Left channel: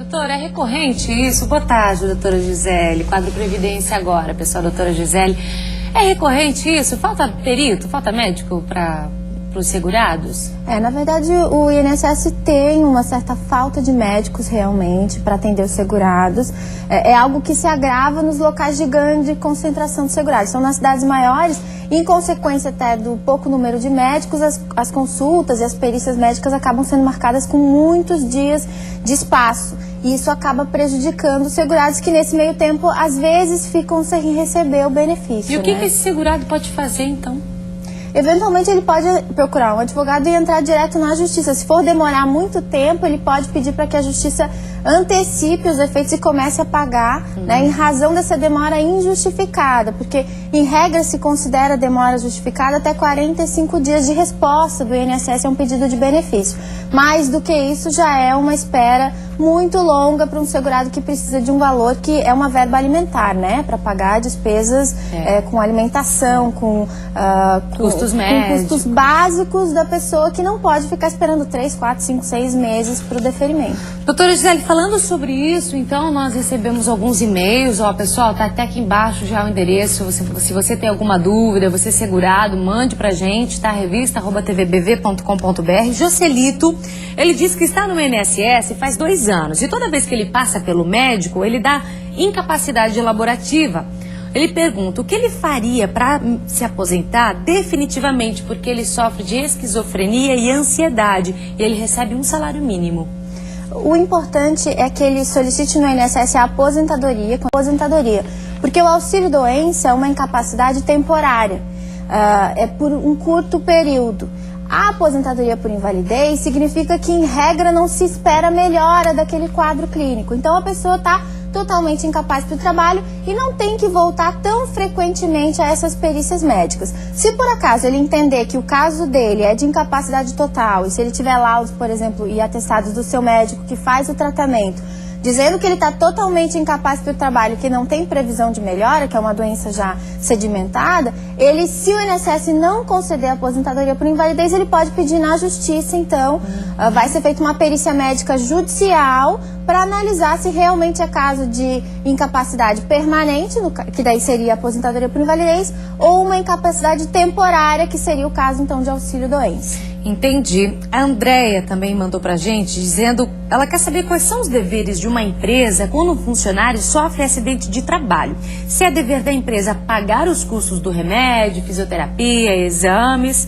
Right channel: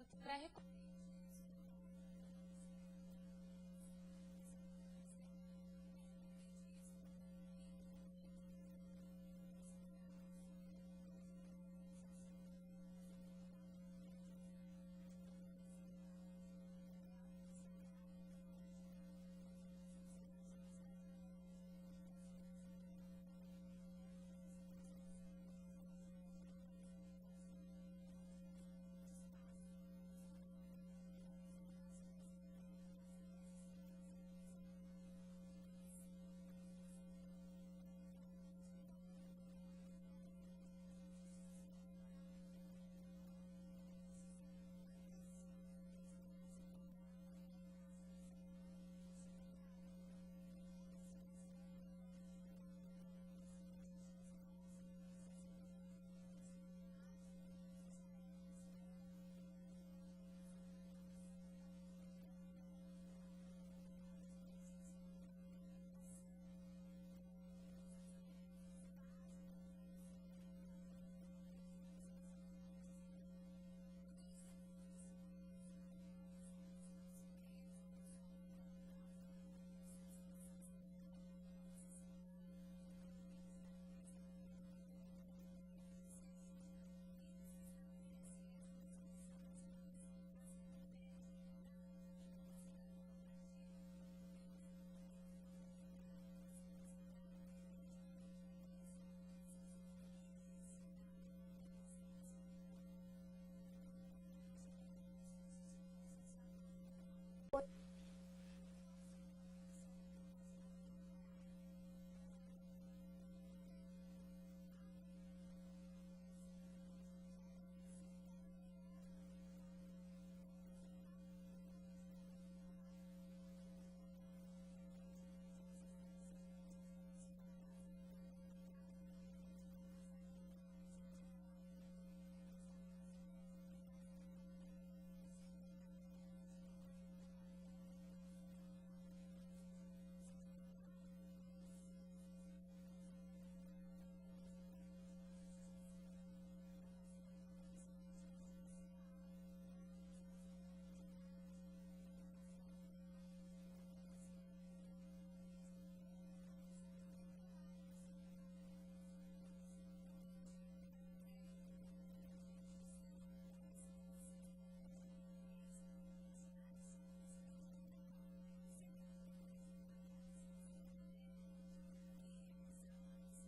Doutora, é recorrente isso? Boa tarde, doutora Gisele. Quadro Previdência agora, pessoal, doutora Gisele. É recorrente isso? Falta perito, falta médico para os segurados? Na verdade, o INSS tem uma certa falta de médicos realmente para atender os segurados. É algo que se agrava nos locais de grande concentração de segurados. São nas cidades maiores, em consequência até do pouco número de médicos, as consultas e as perícias médicas acabam sendo marcadas com muitos dias de espaço. E isso acaba prejudicando os segurados que nesse meio tempo, às vezes, ficam sem receber o benefício. E o que esse segurado pode fazer, então? Eventualmente ele pode procurar um advogado e entrar direto na justiça. Se for demorar muito tempo, ele pode pedir para que a justiça antecipe os efeitos e comece a pagar, né, em razão dessa demora injustificada, porque em regra se considera demora justificada até 45 dias de resposta do INSS a um pedido de benefício. Mais do que isso já é uma espera muito longa para um segurado que precisa de um valor que é uma verba alimentar, né, para pagar despesas com alimentação, com custos médicos, com custos básicos da pessoa que não pode ficar esperando 3, 4, 5, 6 meses para o deferimento. Doutora Gisele, falando sobre isso, então nós recebemos alguns e-mails, pessoal, tá até aqui embaixo já o endereço, se você tem alguma dúvida, você é segurado, mande pra gente, tá? revista@tvbv.com.br. Joselito, ele diz que está no INSS faz 2 anos e toda vez que ele passa pelo médico, ele dá incapacidade laborativa. Ele pergunta o que ele faria para se aposentar definitivamente, porque ele sofre de esquizofrenia e ansiedade e ele recebe um salário mínimo. O importante é que ele solicite no INSS a aposentadoria, porque o auxílio-doença é uma incapacidade temporária, é por um curto período. A aposentadoria por invalidez significa que, em regra, não se espera melhora daquele quadro clínico. Então, a pessoa está totalmente incapaz para o trabalho e não tem que voltar tão frequentemente a essas perícias médicas. Se por acaso ele entender que o caso dele é de incapacidade total e se ele tiver laudos, por exemplo, e atestados do seu médico que faz o tratamento, dizendo que ele está totalmente incapaz para o trabalho, que não tem previsão de melhora, que é uma doença já sedimentada, se o INSS não conceder a aposentadoria por invalidez, ele pode pedir na justiça, então, vai ser feita uma perícia médica judicial para analisar se realmente é caso de incapacidade permanente, que daí seria a aposentadoria por invalidez, ou uma incapacidade temporária, que seria o caso, então, de auxílio-doença. Entendi. A Andréia também mandou pra gente dizendo, ela quer saber quais são os deveres de uma empresa quando um funcionário sofre acidente de trabalho. Se é dever da empresa pagar os custos do remédio, fisioterapia, exames,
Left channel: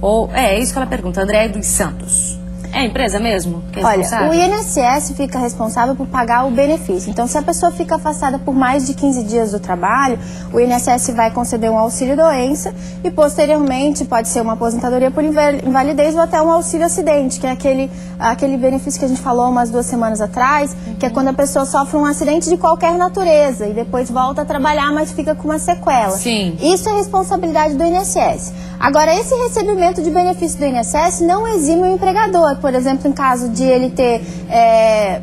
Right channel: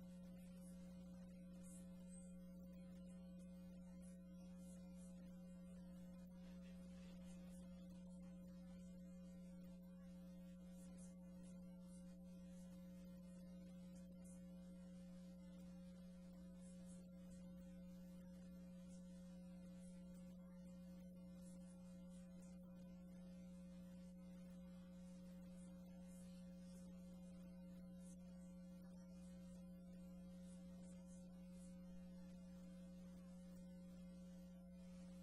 ou... É isso que ela pergunta, Andréia dos Santos. É a empresa mesmo que é responsável? Olha, o INSS fica responsável por pagar o benefício. Então, se a pessoa fica afastada por mais de 15 dias do trabalho, o INSS vai conceder um auxílio-doença e, posteriormente, pode ser uma aposentadoria por invalidez ou até um auxílio-acidente, que é aquele benefício que a gente falou umas 2 semanas atrás, que é quando a pessoa sofre um acidente de qualquer natureza e depois volta a trabalhar, mas fica com uma sequela. Sim. Isso é responsabilidade do INSS. Agora, esse recebimento de benefício do INSS não exime o empregador. Por exemplo, em caso de ele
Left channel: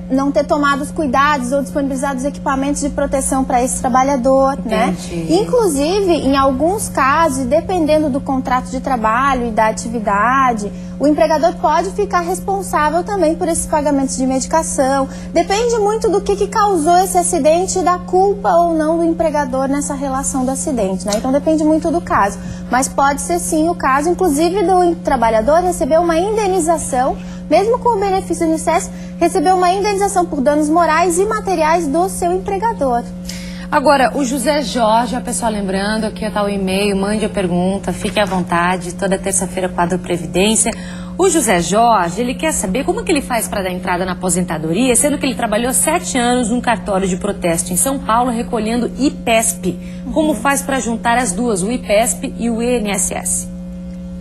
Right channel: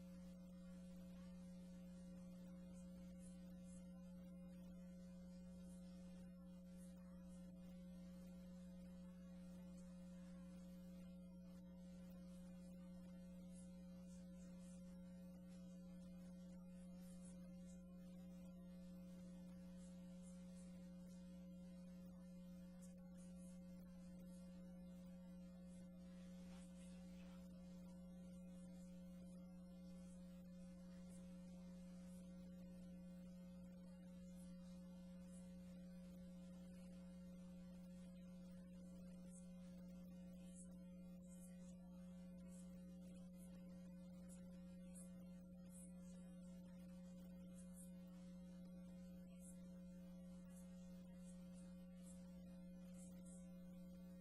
não ter tomado os cuidados ou disponibilizado os equipamentos de proteção para esse trabalhador, né? Inclusive, em alguns casos, e dependendo do contrato de trabalho e da atividade, o empregador pode ficar responsável também por esses pagamentos de medicação. Depende muito do que causou esse acidente e da culpa ou não do empregador nessa relação do acidente, né? Então, depende muito do caso. Mas pode ser sim o caso, inclusive, do trabalhador receber uma indenização, mesmo com o benefício do INSS, receber uma indenização por danos morais e materiais do seu empregador. Agora, o José Jorge, a pessoa lembrando, aqui está o e-mail, mande a pergunta, fique à vontade, toda terça-feira, quadro Previdência. O José Jorge, ele quer saber como que ele faz para dar entrada na aposentadoria, sendo que ele trabalhou 7 anos num cartório de protesto em São Paulo, recolhendo IPESP. Como faz para juntar as duas, o IPESP e o INSS?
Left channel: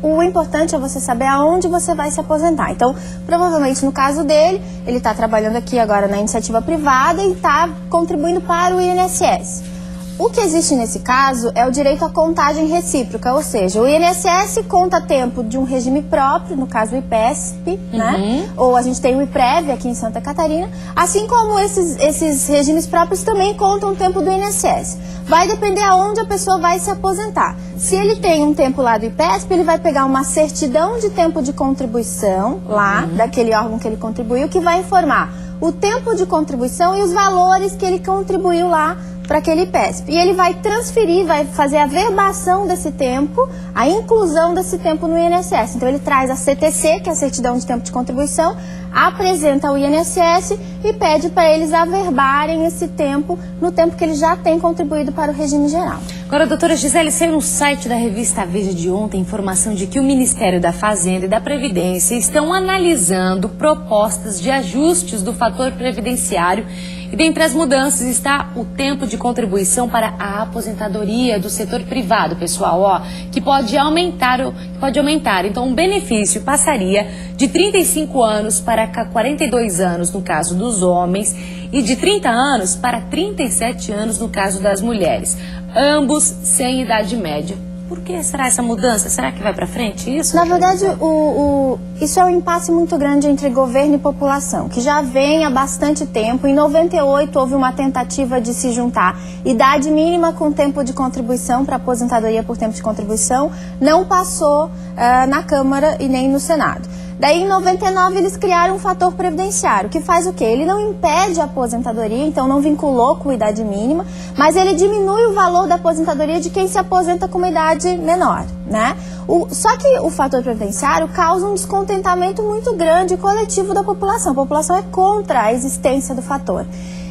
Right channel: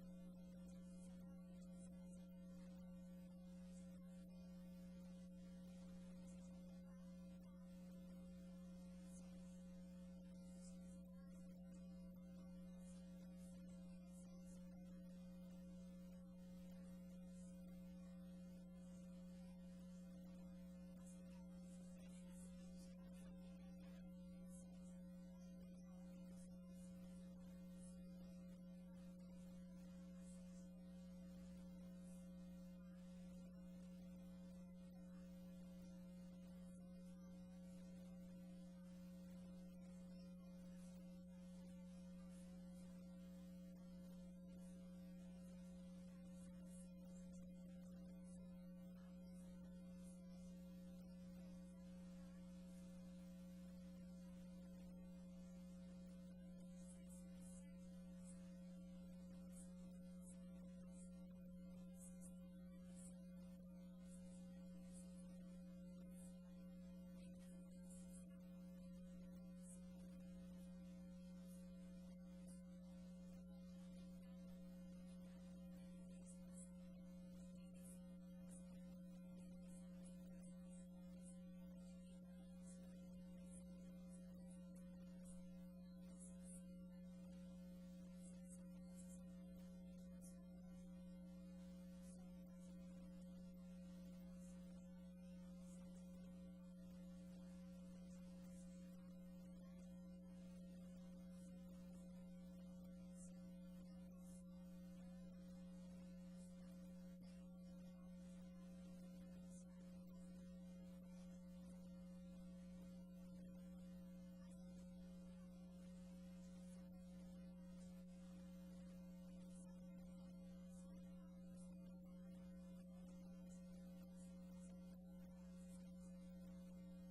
O importante é você saber aonde você vai se aposentar. Então, provavelmente no caso dele, ele está trabalhando aqui agora na iniciativa privada e está contribuindo para o INSS. O que existe nesse caso é o direito à contagem recíproca, ou seja, o INSS conta tempo de um regime próprio, no caso o IPESP, né? Ou a gente tem o IPREV aqui em Santa Catarina, assim como esses regimes próprios também contam tempo do INSS. Vai depender aonde a pessoa vai se aposentar. Se ele tem um tempo lá do IPESP, ele vai pegar uma certidão de tempo de contribuição lá, daquele órgão que ele contribuiu, que vai informar o tempo de contribuição e os valores que ele contribuiu lá para aquele PESP. E ele vai transferir, vai fazer a verbação desse tempo, a inclusão desse tempo no INSS. Então ele traz a CTC, que é a certidão de tempo de contribuição, apresenta ao INSS e pede para eles averbarem esse tempo no tempo que ele já tem contribuído para o regime geral. Agora, doutora Gisele, saiu no site da revista Veja de ontem informação de que o Ministério da Fazenda e da Previdência estão analisando propostas de ajustes do fator previdenciário e dentre as mudanças está o tempo de contribuição para a aposentadoria do setor privado, pessoal, que pode aumentar. Então, o benefício passaria de 35 anos para 42 anos no caso dos homens e de 30 anos para 37 anos no caso das mulheres, ambos sem idade média. Por que será essa mudança? Será que vai para frente isso? Na verdade, isso é um impasse muito grande entre governo e população, que já vem há bastante tempo. Em 98 houve uma tentativa de se juntar idade mínima com tempo de contribuição para aposentadoria por tempo de contribuição. Não passou na Câmara e nem no Senado. Daí, em 99, eles criaram um fator previdenciário, que faz o quê? Ele não impede a aposentadoria, então não vinculou com idade mínima, mas ele diminui o valor da aposentadoria de quem se aposenta com uma idade menor, né? Só que o fator previdenciário causa um descontentamento muito grande e coletivo da população. A população é contra a existência do fator.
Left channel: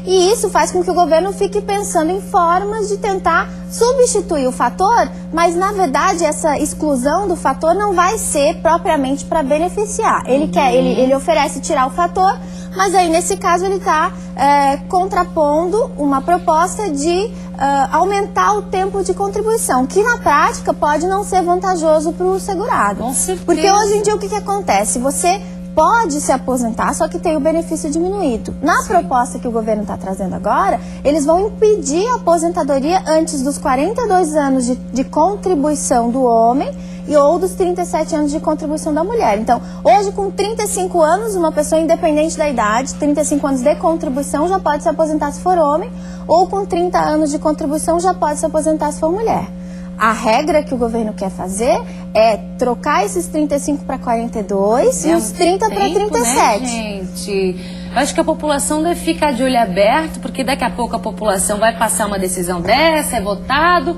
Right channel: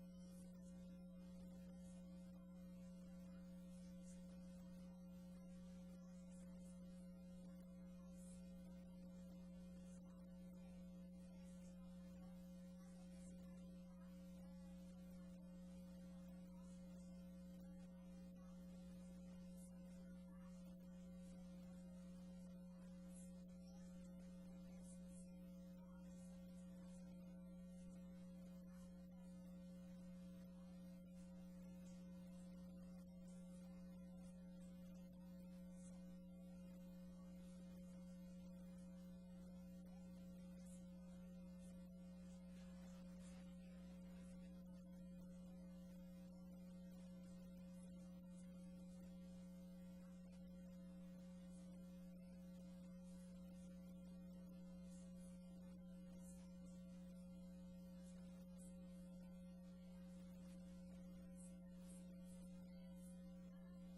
E isso faz com que o governo fique pensando em formas de tentar substituir o fator, mas, na verdade, essa exclusão do fator não vai ser propriamente para beneficiar. Ele oferece tirar o fator, mas aí, nesse caso, ele está contrapondo uma proposta de aumentar o tempo de contribuição, que, na prática, pode não ser vantajoso para o segurado. Com certeza. Porque hoje em dia, o que acontece? Você pode se aposentar, só que tem o benefício diminuído. Na proposta que o governo está trazendo agora, eles vão impedir a aposentadoria antes dos 42 anos de contribuição do homem ou dos 37 anos de contribuição da mulher. Então, hoje, com 35 anos, uma pessoa independente da idade, 35 anos de contribuição, já pode se aposentar se for homem, ou com 30 anos de contribuição, já pode se aposentar se for mulher. A regra que o governo quer fazer é trocar esses 35 para 42 e os 30 para 37. Né, gente? Eu acho que a população deve ficar de olho aberto, porque daqui a pouco a população vai passar uma decisão dessa, é votado,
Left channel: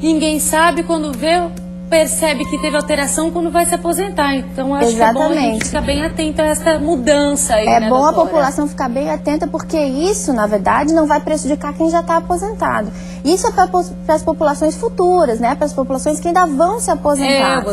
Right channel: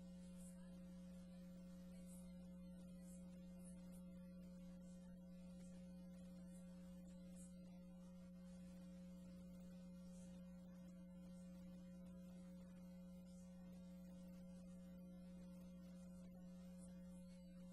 ninguém sabe, quando vê, percebe que teve alteração quando vai se aposentar. Então, acho que é bom a gente ficar bem atento a essa mudança aí, né, bom, doutora? A população ficar bem atenta, porque isso, na verdade, não vai prejudicar quem já está aposentado. Isso é para as populações futuras, né? Para as populações que ainda vão se aposentar.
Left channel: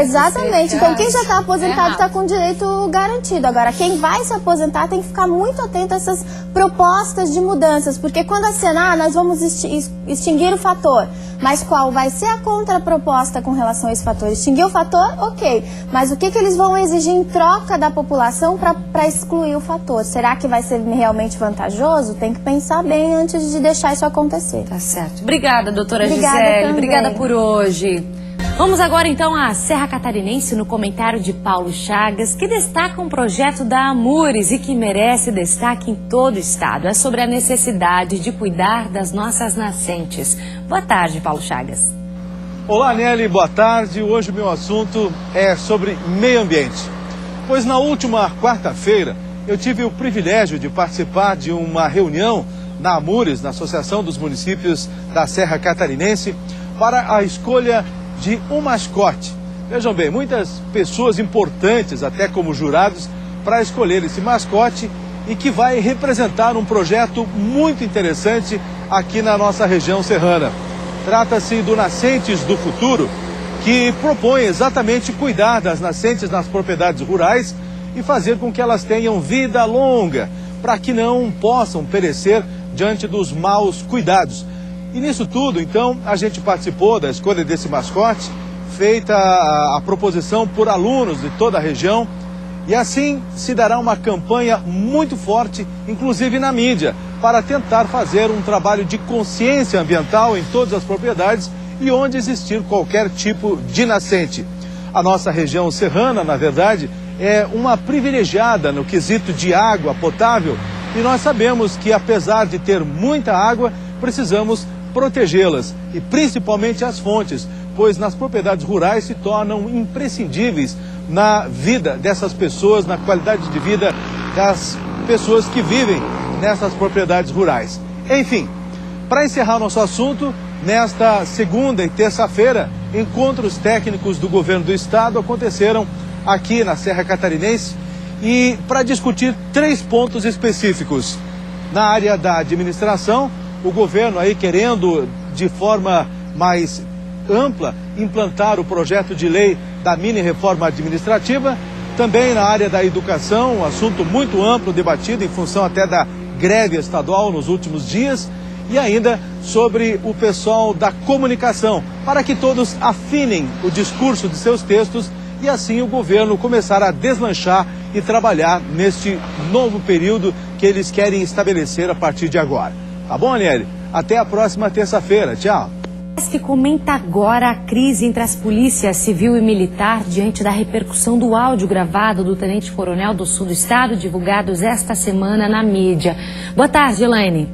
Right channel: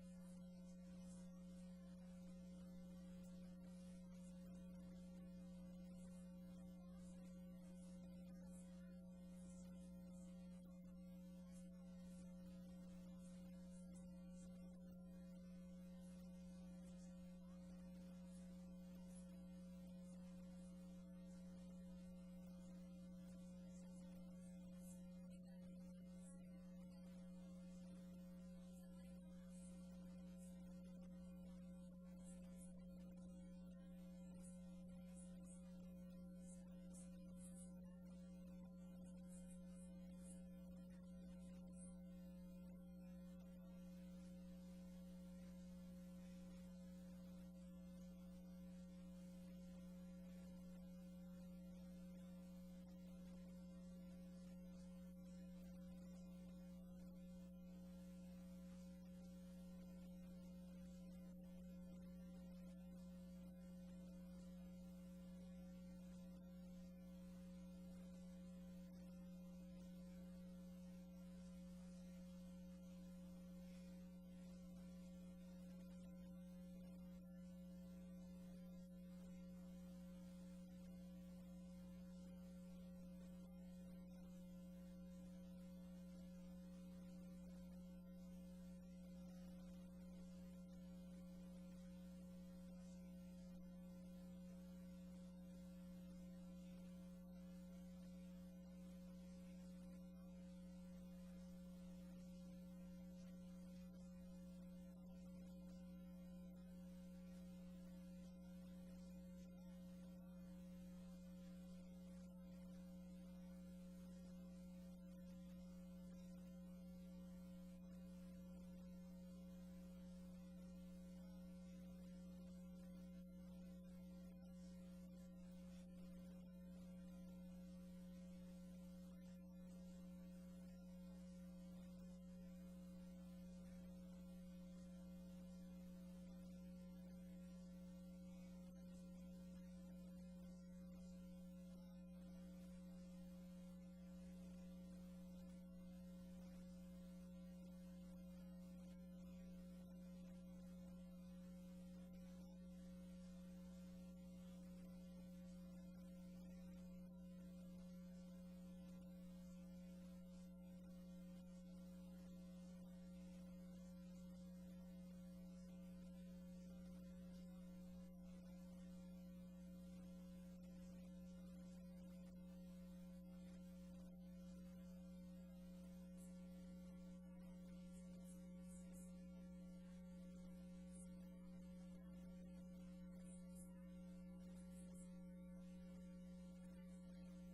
Exatamente. Então, quem já está aposentado está com direito garantido. Agora, quem vai se aposentar tem que ficar muito atento a essas propostas de mudanças, porque quando acenar, nós vamos extinguir o fator. Mas qual vai ser a contraproposta com relação a esse fator? Extinguir o fator? Ok. Mas o que eles vão exigir em troca da população para excluir o fator? Será que vai ser realmente vantajoso? Tem que pensar bem antes de deixar isso acontecer. Tá certo. Obrigada, doutora Gisele. Obrigada por hoje. Vamos agora, então, à Serra Catarinense, no comentário de Paulo Chagas, que destaca um projeto da Amures e que merece destaque em todo o estado. É sobre a necessidade de cuidar das nossas nascentes. Boa tarde, Paulo Chagas. Olá, Nelly, boa tarde. Hoje o meu assunto é sobre meio ambiente. Pois na última quarta-feira eu tive o privilégio de participar de uma reunião na Amures, na Associação dos Municípios da Serra Catarinense, para a escolha de um mascote. Vejam bem, muitas pessoas importantes, até como jurados, para escolher esse mascote e que vai representar um projeto muito interessante aqui na nossa região serrana. Trata-se do Nascentes do Futuro, que propõe exatamente cuidar das nascentes nas propriedades rurais e fazer com que elas tenham vida longa, para que não possam perecer diante dos maus cuidados. E nisso tudo, então, a gente participou da escolha desse mascote, feita a proposição por alunos de toda a região, e assim se dará uma campanha muito forte, inclusive na mídia, para tentar fazer um trabalho de consciência ambiental em todas as propriedades e onde existir qualquer tipo de nascente. A nossa região serrana, na verdade, é uma privilegiada no quesito de água potável, e nós sabemos que, apesar de ter muita água, precisamos protegê-las, e principalmente as fontes, pois nas propriedades rurais se tornam imprescindíveis na vida dessas pessoas, na qualidade de vida das pessoas que vivem nessas propriedades rurais. Enfim, para encerrar nosso assunto, nesta segunda e terça-feira, encontros técnicos do governo do estado aconteceram aqui na Serra Catarinense e para discutir 3 pontos específicos. Na área da administração, o governo aí querendo de forma mais ampla implantar o projeto de lei da mini-reforma administrativa. Também na área da educação, um assunto muito amplo, debatido em função até da greve estadual nos últimos dias. E ainda sobre o pessoal da comunicação, para que todos afinem o discurso de seus textos e assim o governo começar a deslanchar e trabalhar neste novo período que eles querem estabelecer a partir de agora. Tá bom, Aniele? Até a próxima terça-feira. Tchau. Que comenta agora a crise entre as polícias civil e militar diante da repercussão do áudio gravado do tenente-coronel do sul do estado, divulgados esta semana na mídia. Boa tarde, Elaine.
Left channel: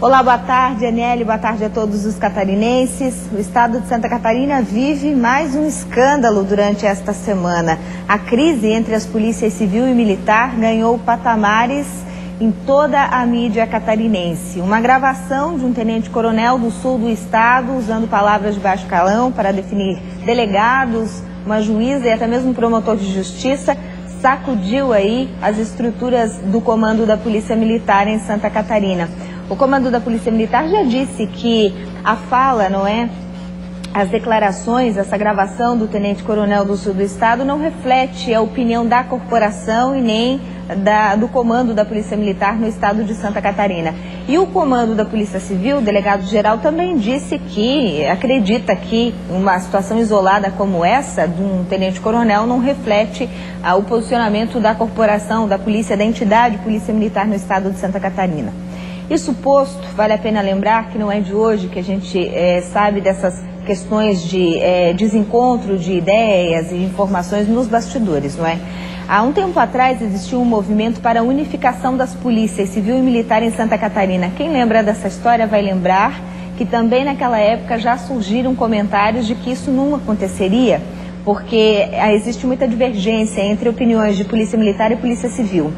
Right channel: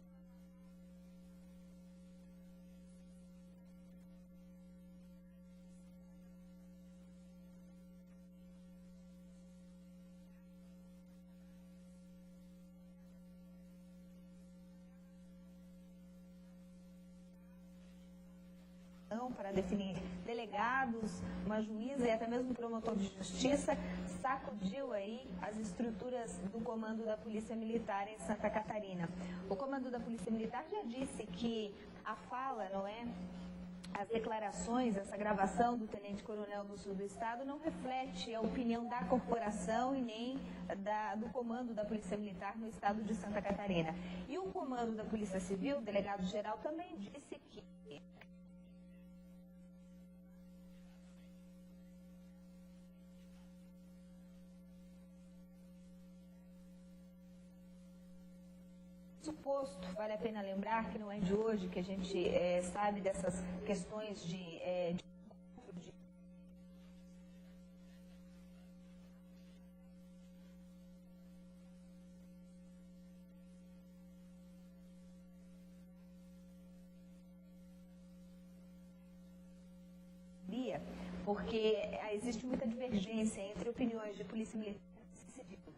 Olá, boa tarde, Aniele, boa tarde a todos os catarinenses. O estado de Santa Catarina vive mais um escândalo durante esta semana. A crise entre as polícias civil e militar ganhou patamares em toda a mídia catarinense. Uma gravação de um tenente-coronel do sul do estado, usando palavras de baixo calão para definir delegados, uma juíza e até mesmo um promotor de justiça, sacudiu aí as estruturas do comando da Polícia Militar em Santa Catarina. O comando da Polícia Militar já disse que a fala, não é? As declarações, essa gravação do tenente-coronel do sul do estado não reflete a opinião da corporação e nem do comando da Polícia Militar no estado de Santa Catarina. E o comando da Polícia Civil, o delegado-geral, também disse que acredita que uma situação isolada como essa, de um tenente-coronel, não reflete o posicionamento da corporação, da polícia, da entidade Polícia Militar no estado de Santa Catarina. Isso posto, vale a pena lembrar que não é de hoje que a gente sabe dessas questões de desencontro de ideias e informações nos bastidores, não é? Há um tempo atrás existiu um movimento para a unificação das polícias civil e militar em Santa Catarina. Quem lembra dessa história vai lembrar que também naquela época já surgiram comentários de que isso não aconteceria, porque existe muita divergência entre opiniões de polícia militar e polícia civil.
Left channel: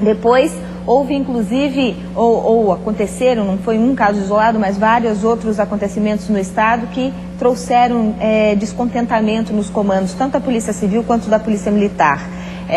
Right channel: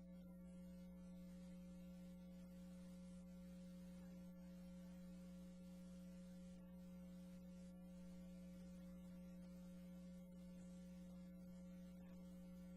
Depois houve inclusive, ou aconteceram, não foi um caso isolado, mas vários outros acontecimentos no estado que trouxeram descontentamento nos comandos, tanto da Polícia Civil quanto da Polícia Militar.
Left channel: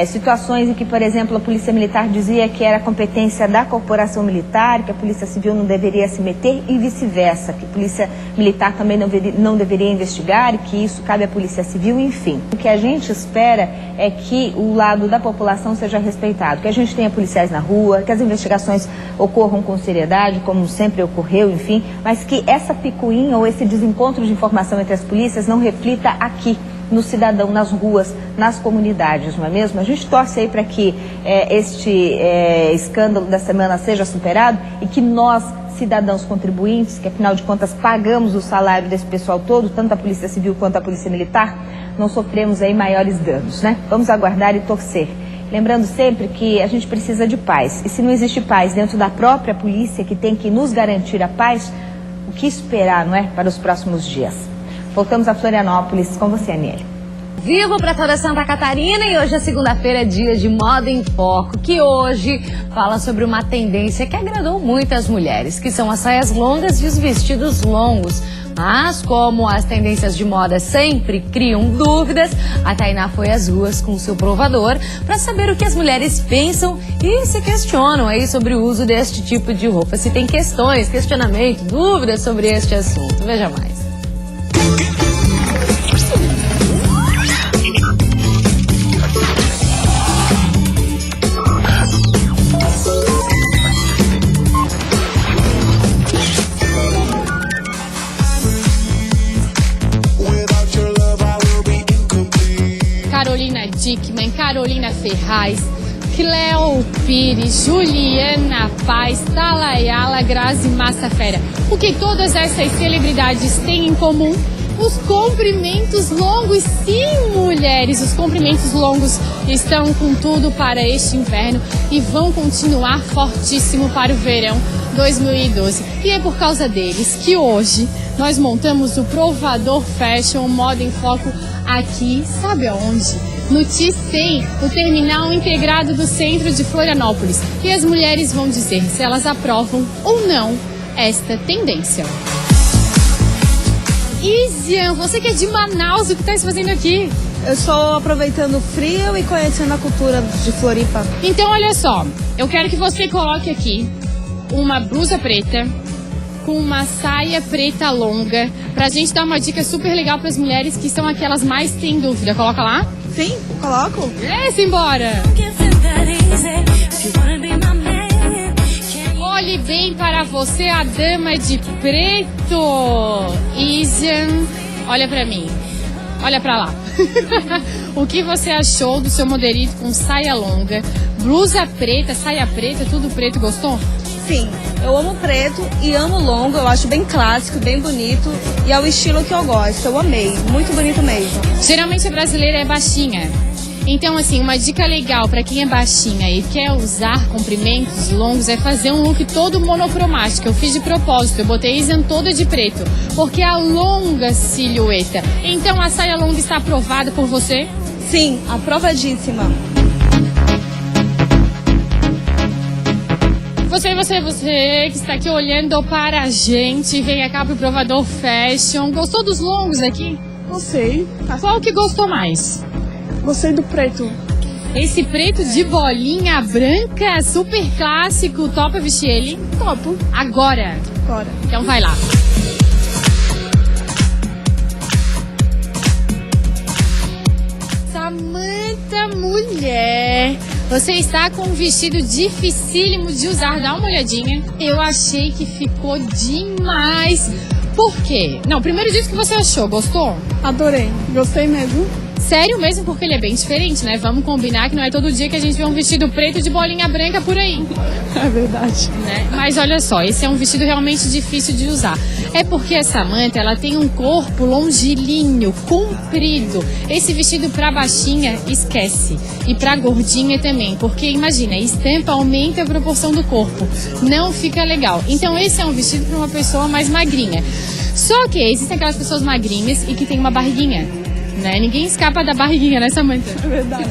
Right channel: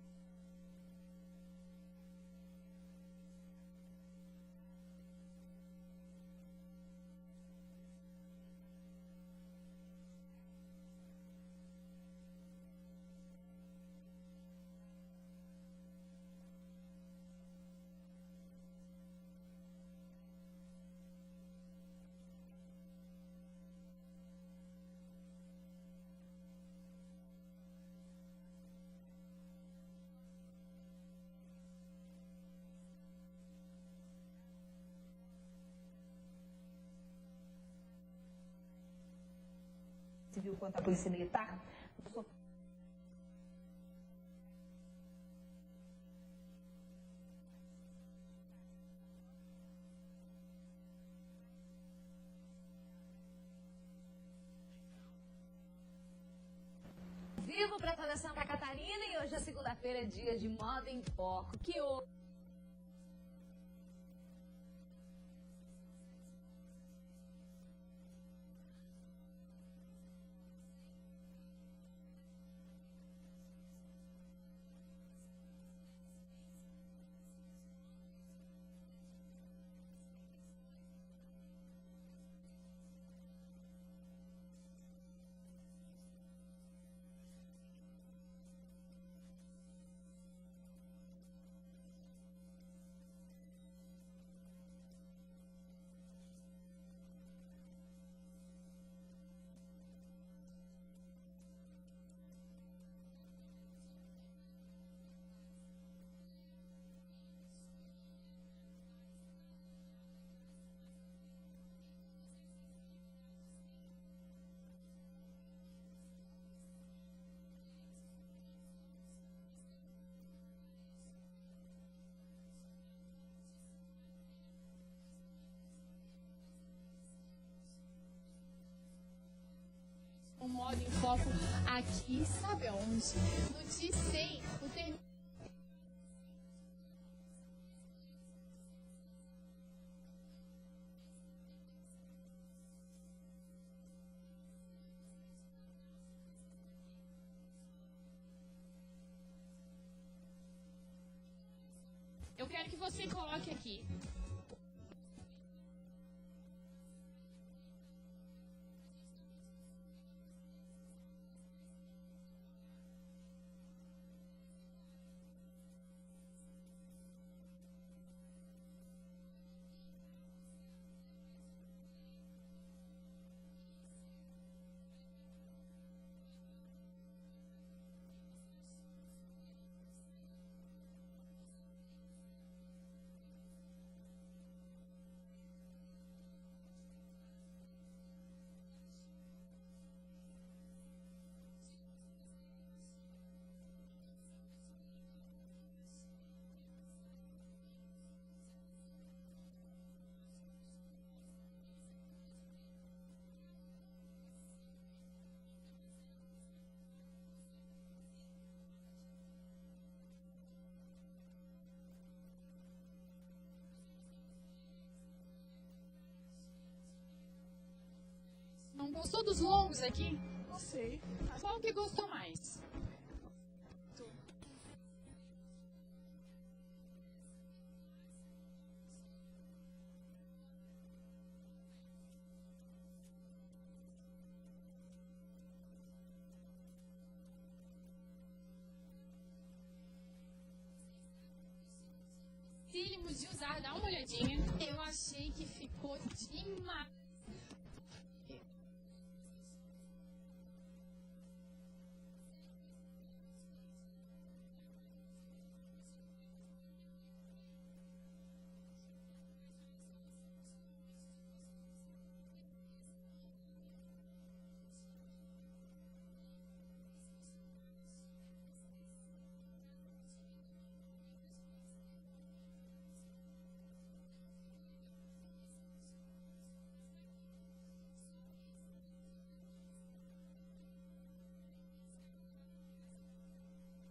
Situações em que, por exemplo, a Polícia Militar dizia que era competência da corporação militar, que a Polícia Civil não deveria se meter e vice-versa, que a Polícia Militar também não deveria investigar e que isso cabe à Polícia Civil, enfim. O que a gente espera é que o lado da população seja respeitado, que a gente tenha policiais na rua, que as investigações ocorram com seriedade, como sempre ocorreu, enfim, mas que essa picuinha ou esse desencontro de informação entre as polícias não reflita aqui no cidadão, nas ruas, nas comunidades, não é mesmo? A gente torce aí para que este escândalo da semana seja superado e que nós, cidadãos contribuintes, que afinal de contas pagamos o salário desse pessoal todo, tanto a Polícia Civil quanto a Polícia Militar, não sofremos aí maiores danos, né? Vamos aguardar e torcer. Lembrando sempre que a gente precisa de paz. E se não existe paz dentro da própria polícia, que tem que nos garantir a paz, o que esperar, não é, para os próximos dias? Voltamos a Florianópolis com você, Aniele. Vivo para toda Santa Catarina e hoje é segunda-feira, dia de Moda em Foco, que hoje fala sobre uma tendência que agradou muitas mulheres, que são as saias longas e os vestidos longos. Mas como as tendências de moda sempre criam dúvidas, a Tainá foi às ruas com seu provador para saber o que as mulheres pensam e se questionam aí sobre o uso deste tipo de roupa. Se tem questões, questionamento, dúvidas sobre este assunto. Veja mais. Carolina Dickman, Carolina Ferraz, Cleo Pires, Juliana Paz, Talayala, Grazi Massafera. O que todas essas celebridades têm em comum? Os comprimentos longos. Sim, mulheres, os comprimentos longos estão com tudo para este inverno e vão continuar fortíssimo para o verão 2012. E é por causa deles que hoje nós montamos o Provador Fashion Moda em Foco aqui, sabe aonde? no T100, no terminal integrado do centro de Florianópolis. E as mulheres vão dizer se elas aprovam ou não esta tendência. Isian, você que é de Manaus, o que está se fazendo aqui? Eu estou aproveitando o frio e conhecendo a cultura de Floripa. Então, olha só, eu quero que você coloque aqui uma blusa preta com uma saia preta longa, pra gente dar uma dica super legal para as mulheres que são aquelas mais têm dúvida. Coloca lá? Sim, coloco. Simbora! Olhe bem para você, a dama de preto. Isian, olha pra mim. Olha pra lá. O que você achou do seu modelito com saia longa, blusa preta, saia preta, tudo preto, gostou? Sim, eu amo preto e amo longo, eu acho bem clássico, bem bonito e é o estilo que eu gosto, eu amei, muito bonito mesmo. Geralmente a brasileira é baixinha. Então, assim, uma dica legal para quem é baixinha e quer usar comprimentos longos é fazer um look todo monocromático. Eu fiz de propósito, eu botei Isian toda de preto, porque alonga a silhueta. Então, a saia longa está aprovada por você? Sim, aprovadíssima. Você que está aqui olhando para a gente, vem cá pro Provador Fashion. Gostou dos longos aqui? Gostei. Qual que gostou mais? Gostei do preto. Esse preto de bolinha branca, super clássico, topa vestir ele? Topo. Agora. Bora. Então vai lá. Samanta, mulher, você está com um vestido dificílimo de usar. Dá uma olhadinha. Eu achei que ficou demais. Por quê? Não, primeiro diz o que você achou. Gostou? Adorei. Gostei mesmo. Sério mesmo, porque ele é bem diferente, né? Vamos combinar que não é todo dia que a gente vê um vestido preto de bolinha branca por aí. É verdade. Né? Mas olha só, esse é um vestido realmente difícil de usar. É porque a Samanta, ela tem um corpo longilíneo, comprido. Esse vestido pra baixinha, esquece. E pra gordinha também, porque imagina, a estampa aumenta a proporção do corpo. Não fica legal. Então esse é um vestido pra uma pessoa mais magrinha. Só que existem aquelas pessoas magrinhas e que tem uma barriguinha. Né? Ninguém escapa da barriguinha, né, Samanta? É verdade.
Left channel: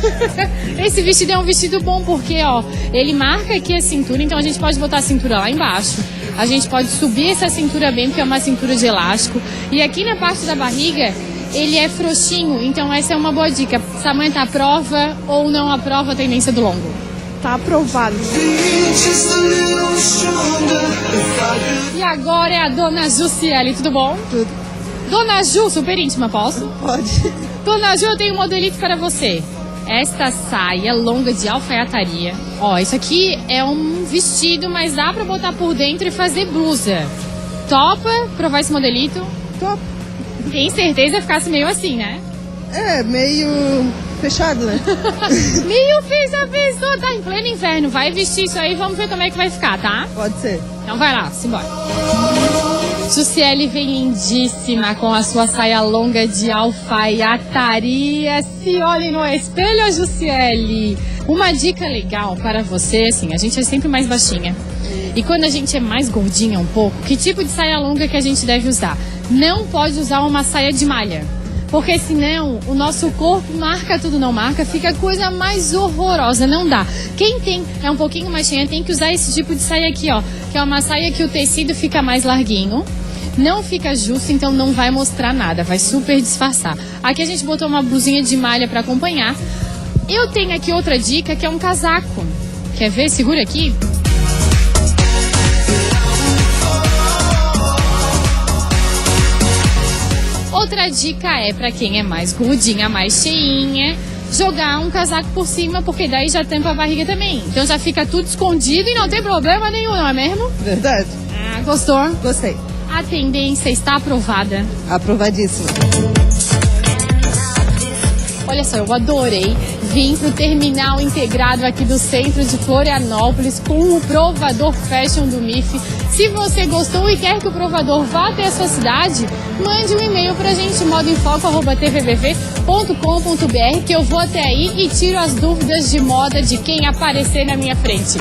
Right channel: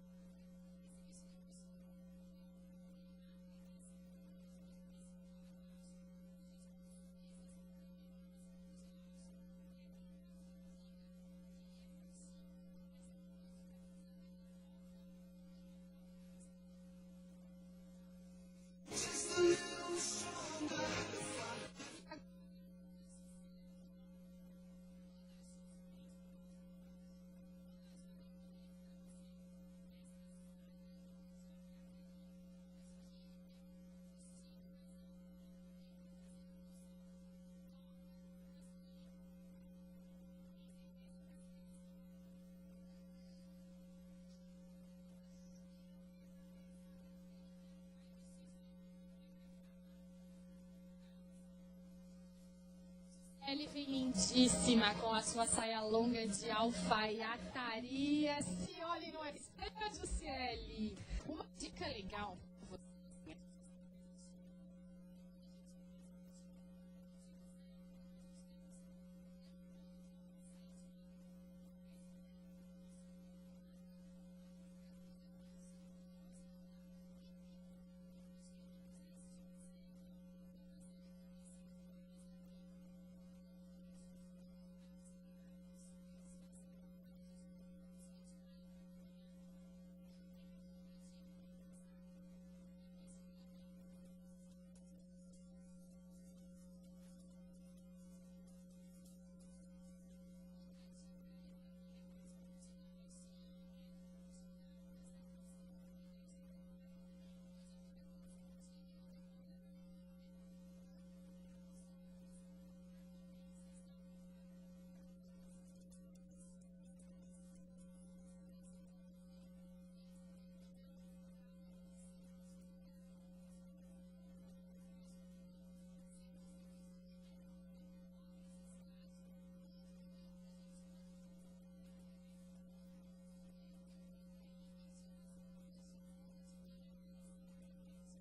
Esse vestido é um vestido bom porque, ó, ele marca aqui a cintura, então a gente pode botar a cintura lá embaixo. A gente pode subir essa cintura bem, porque é uma cintura de elástico. E aqui na parte da barriga, ele é frouxinho, então essa é uma boa dica. Samanta, aprova ou não aprova a tendência do longo? Tá aprovado. E agora é a Dona Jussiele, tudo bom? Tudo. Dona Ju, super íntima, posso? Pode. Dona Ju, eu tenho um modelito para você. Esta saia longa de alfaiataria. Ó, isso aqui é um vestido, mas dá pra botar por dentro e fazer blusa. Topa provar esse modelito? Top. Tem certeza que ficasse meio assim, né? É, meio fechado, né? Meio fez a pessoa, tá em pleno inverno. Vai vestir isso aí, vamos ver como é que vai ficar, tá? Pode ser. Então vai lá, simbora. Jussiele vem lindíssima com a sua saia longa de alfaiataria. Se olhem no espelho, Jussiele. Uma dica legal para você, assim, a gente é sempre mais baixinha. E quando a gente é mais gordinha um pouco, que tipo de saia longa que a gente deve usar? Não pode usar uma saia de malha. Porque senão o nosso corpo marca tudo, não marca, fica a coisa mais horrorosa, não dá. Quem é um pouquinho mais cheia tem que usar esse tipo de saia aqui, ó, que é uma saia que o tecido fica mais larguinho, não fica justo, então não vai mostrar nada, vai super disfarçar. Aqui a gente botou uma blusinha de malha para acompanhar. Eu tenho aqui outra dica, que é um casaco. Quer ver? Segura aqui. Outra dica é para quem é mais gordinha, mais cheinha, jogar um casaco por cima, porque daí já tampa a barriga também. Então já fica tudo escondido e não tem problema nenhum, não é mesmo? Verdade. Ah, gostou? Gostei. A tendência está aprovada. Aprovadíssima. Olha só, eu adorei. Vim pro terminal integrado aqui do centro de Florianópolis com o Provador Fashion do MIF. Se você gostou e quer que o Provador vá até a sua cidade, mande um e-mail pra gente, modaemfoco@tvbv.com.br, que eu vou até aí e tiro as dúvidas de moda de quem aparecer na minha frente.